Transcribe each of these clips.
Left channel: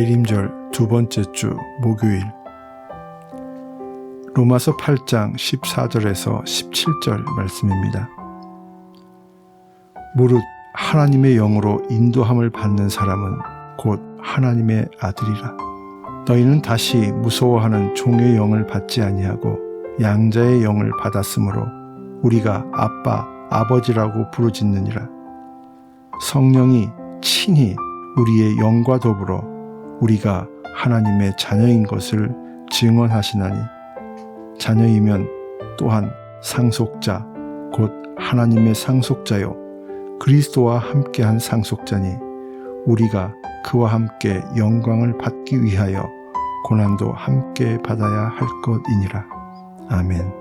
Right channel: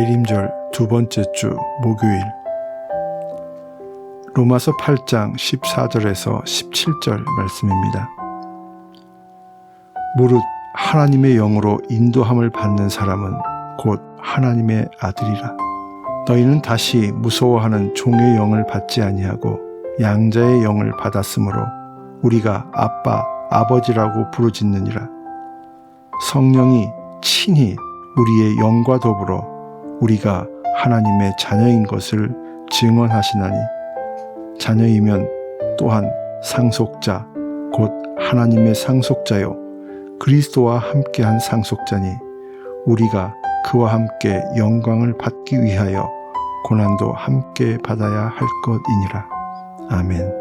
대림절 두 번째 주 목요일, 로마서 8장 14절에서 17절 말씀입니다. 무릇 하나님의 영으로 인도함을 받는 사람은 곧 하나님의 아들이라. 너희는 다시 무서워하는 종의 영을 받지 아니하고 양자의 영을 받았으므로 우리가 아빠, 아버지라고 부르짖느니라. 성령이 친히 우리의 영과 더불어 우리가 하나님의 자녀인 것을 증언하시나니, 자녀이면 또한 상속자 곧 하나님의 상속자요 그리스도와 함께한 상속자니, 우리가 그와 함께 영광을 받기 위하여 고난도 함께 받아야 할 것이니라. 아멘.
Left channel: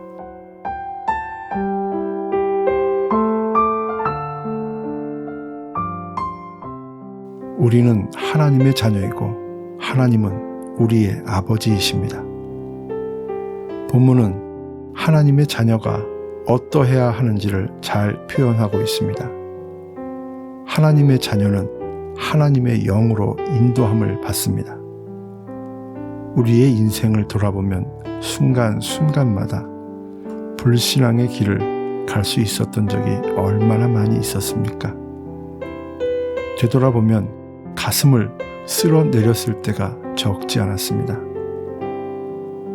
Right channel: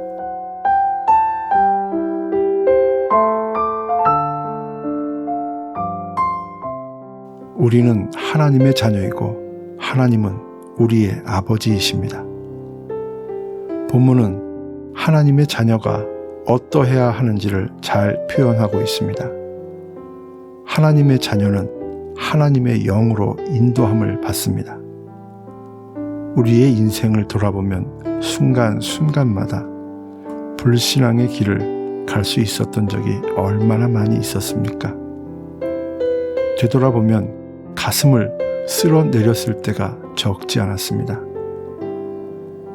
우리는 하나님의 자녀이고 하나님은 우리의 아버지이십니다. 본문은 하나님의 자녀가 어떠해야 하는지를 잘 표현하고 있습니다. 하나님의 자녀는 하나님의 영으로 인도함을 받습니다. 우리의 인생을 돌아보면 순간순간마다 불신앙의 길을 갈 수 있었던 적이 얼마나 많이 있었습니까? 되돌아보면 가슴을 쓸어내렸을 때가 적지 않았습니다.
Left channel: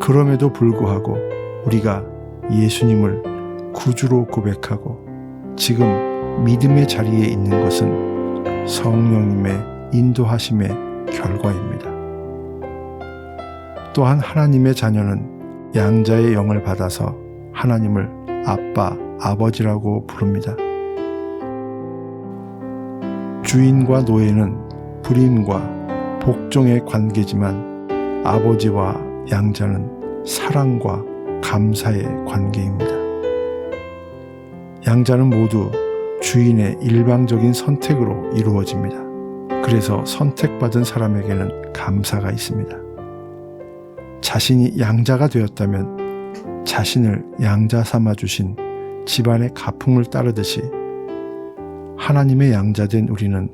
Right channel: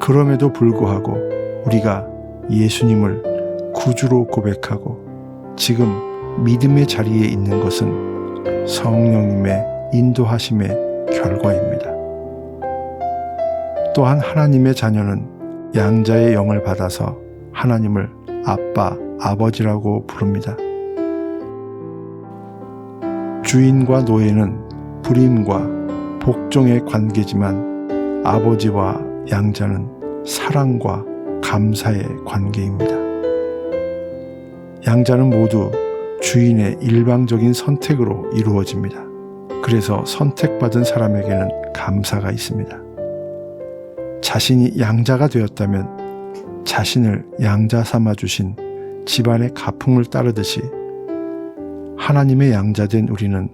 그럼에도 불구하고 우리가 예수님을 구주로 고백하고 지금 믿음의 자리에 있는 것은 성령님의 인도하심의 결과입니다. 또한 하나님의 자녀는 양자의 영을 받아서 하나님을 아빠, 아버지라고 부릅니다. 주인과 노예는 불임과 복종의 관계지만 아버지와 양자는 사랑과 감사의 관계입니다. 양자는 모두 주인의 일방적인 선택으로 이루어집니다. 그래서 선택받은 사람에게는 감사가 있습니다. 자신이 양자가 되었다면 자신을 양자 삼아 주신 집안의 가풍을 따르듯이 하나님의 양자된 우리는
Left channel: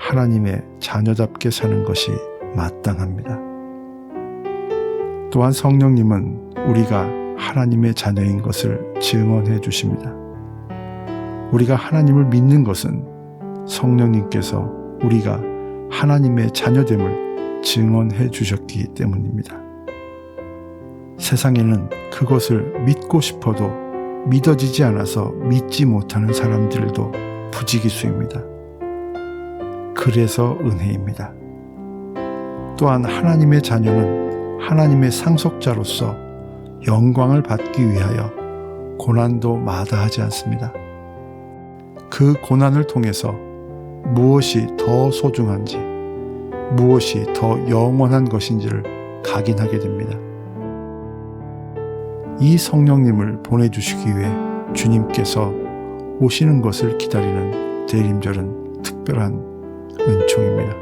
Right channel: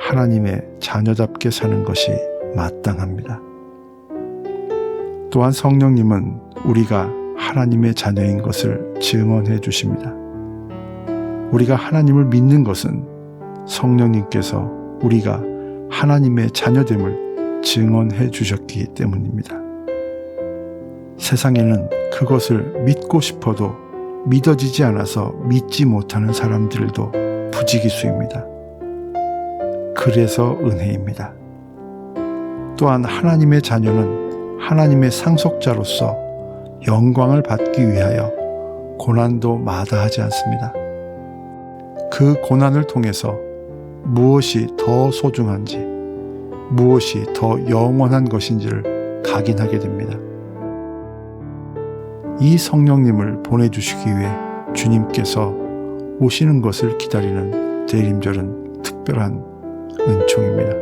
하나님의 자녀답게 사는 것이 마땅합니다. 또한 성령님은 우리가 하나님의 자녀인 것을 증언해 주십니다. 우리가 하나님을 믿는 것은 성령님께서 우리가 하나님의 자녀됨을 증언해 주셨기 때문입니다. 세상에는 그것을 믿고 싶어도 믿어지지 않아서 믿지 못하는 사람들도 부지기수입니다. 그래서 은혜입니다. 또한 하나님의 자녀는 하나님의 상속자로서 영광을 받기 위하여 고난도 마다하지 않습니다. 그 고난을 통해서 무엇이 더 소중한지, 무엇이 더 영원한 것인지를 각인하게 됩니다. 이 성령님을 보내주시기 위해 주님께서 오시는 것을 기다리는 대림절은 특별한 은총입니다.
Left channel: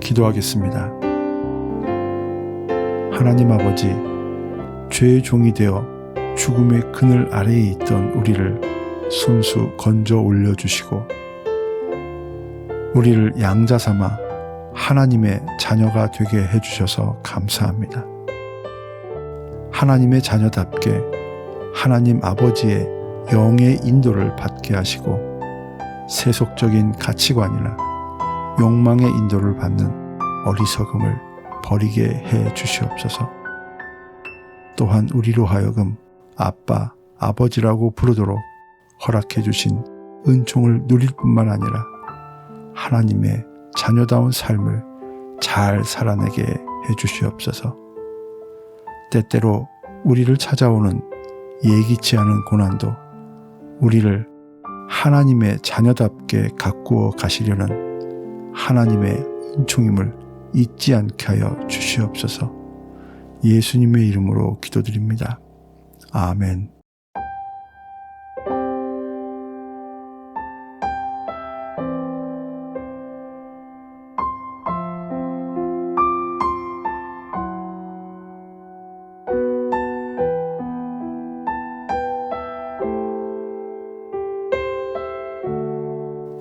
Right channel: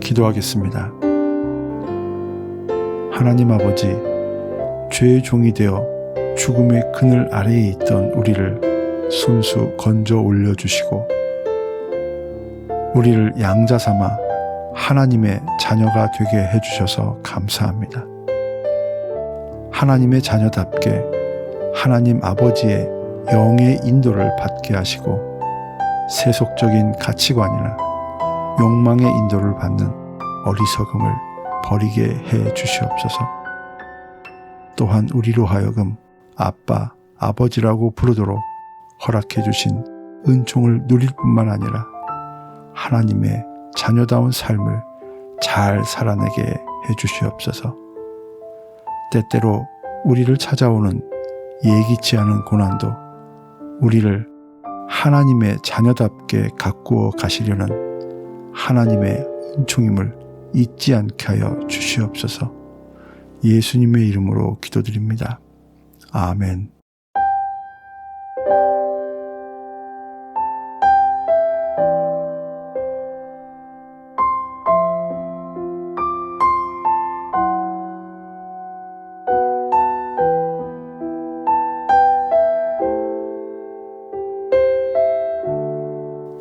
기도하겠습니다. 하나님 아버지, 죄의 종이 되어 죽음의 그늘 아래에 있던 우리를 손수 건져 올려주시고 우리를 양자 삼아 하나님의 자녀가 되게 해주셔서 감사합니다. 하나님의 자녀답게 하나님 아버지의 영의 인도를 받게 하시고 세속적인 가치관이나 욕망의 인도를 받는 어리석음을 버리게 해 주시옵소서. 또한 우리로 하여금 아빠, 아버지라고 부르도록 허락해 주신 은총을 누릴 뿐만 아니라 하나님의 자녀다운 삶을 잘 살아내게 해 주시옵소서. 때때로 우리를 찾아오는 예기치 않은 고난도 우리를 하나님의 자녀답게 가꾸어 가시려는 하나님의 은총임을 잊지 않게 하여 주시옵소서. 예수님의 이름으로 기도드립니다. 아멘.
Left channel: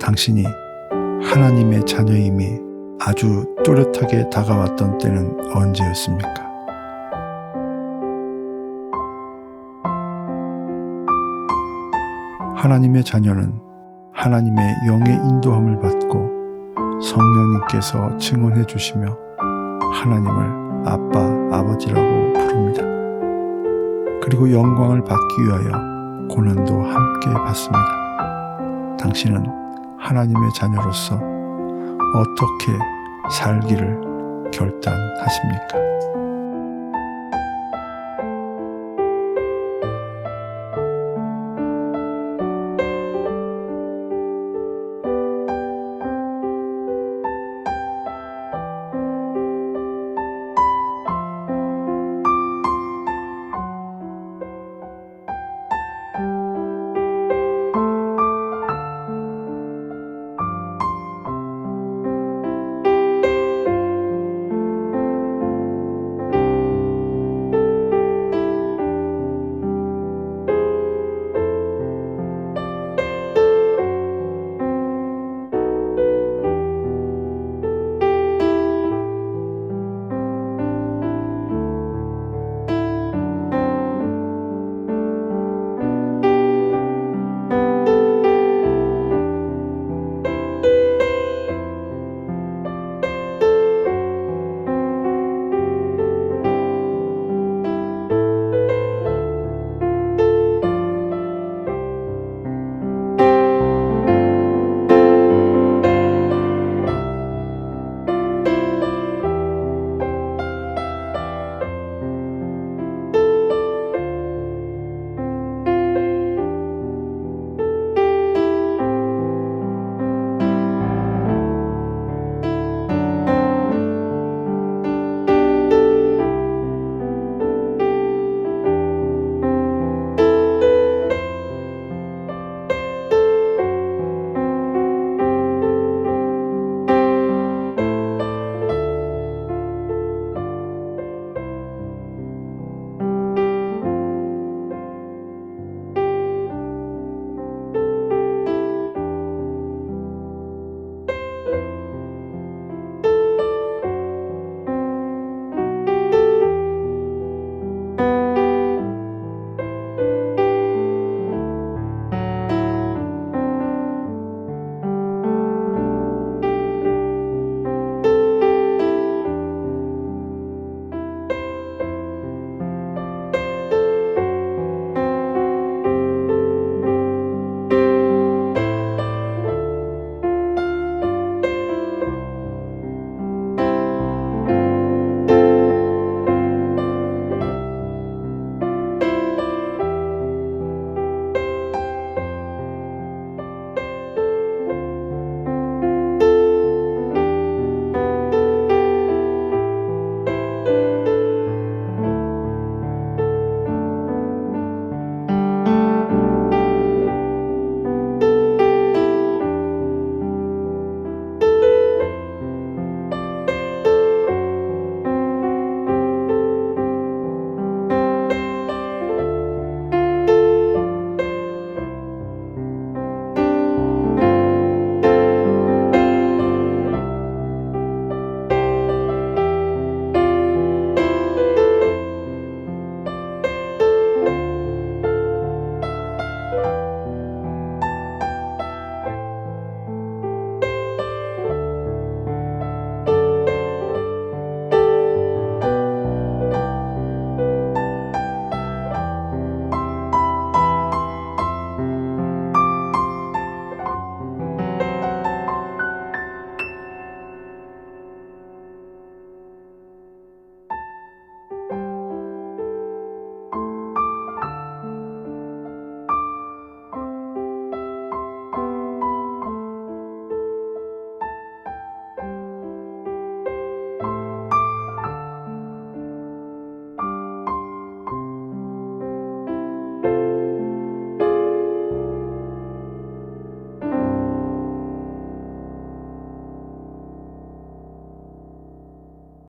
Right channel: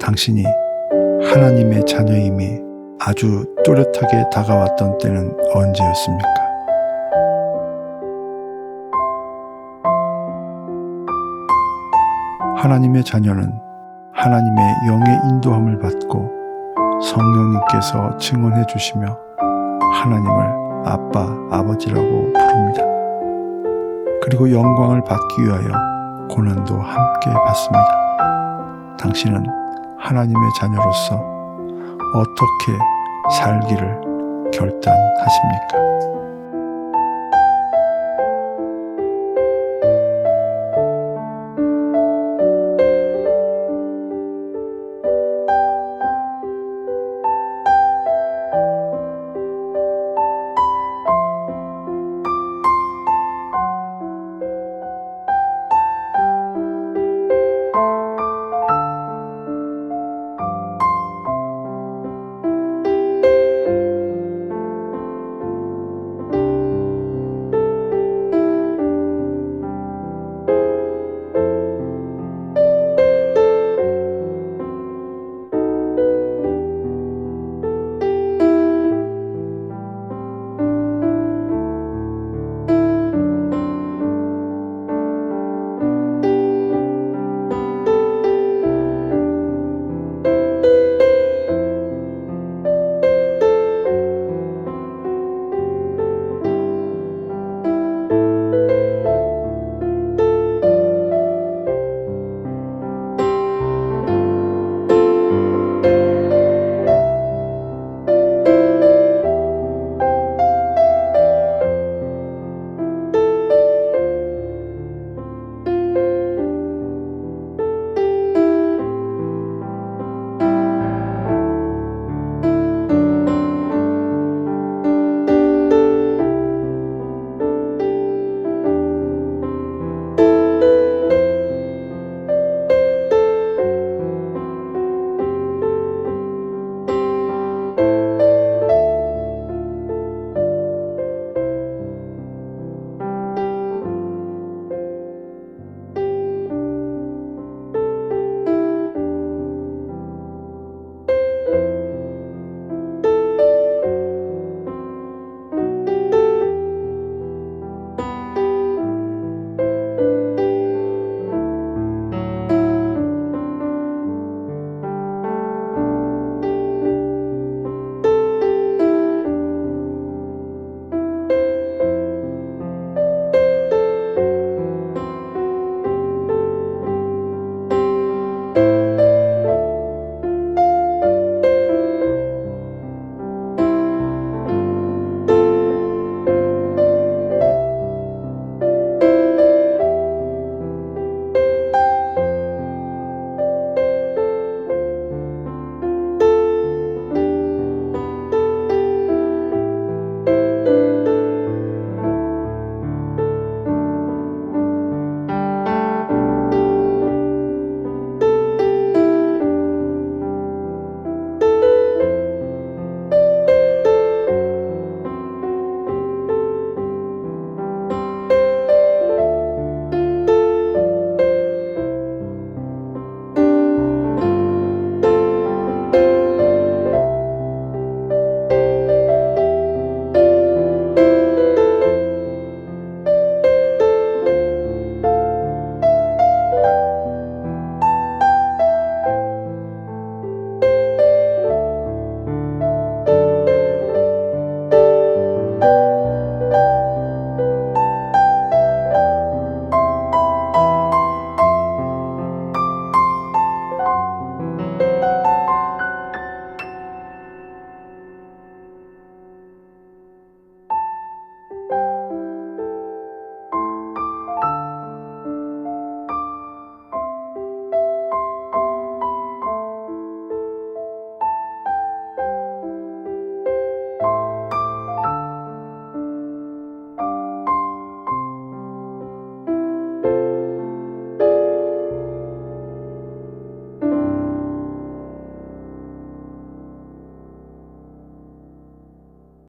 당신이 하나님의 자녀임이 아주 또렷하게 다가왔던 때는 언제였습니까? 하나님의 자녀는 하나님의 영의 인도함을 받고 성령님께서 증언해 주시며 하나님을 아빠, 아버지라고 부릅니다. 그리고 영광을 받기 위하여 고난도 함께 받습니다. 당신은 하나님의 자녀로서 어떻게 살기를 결단하십니까?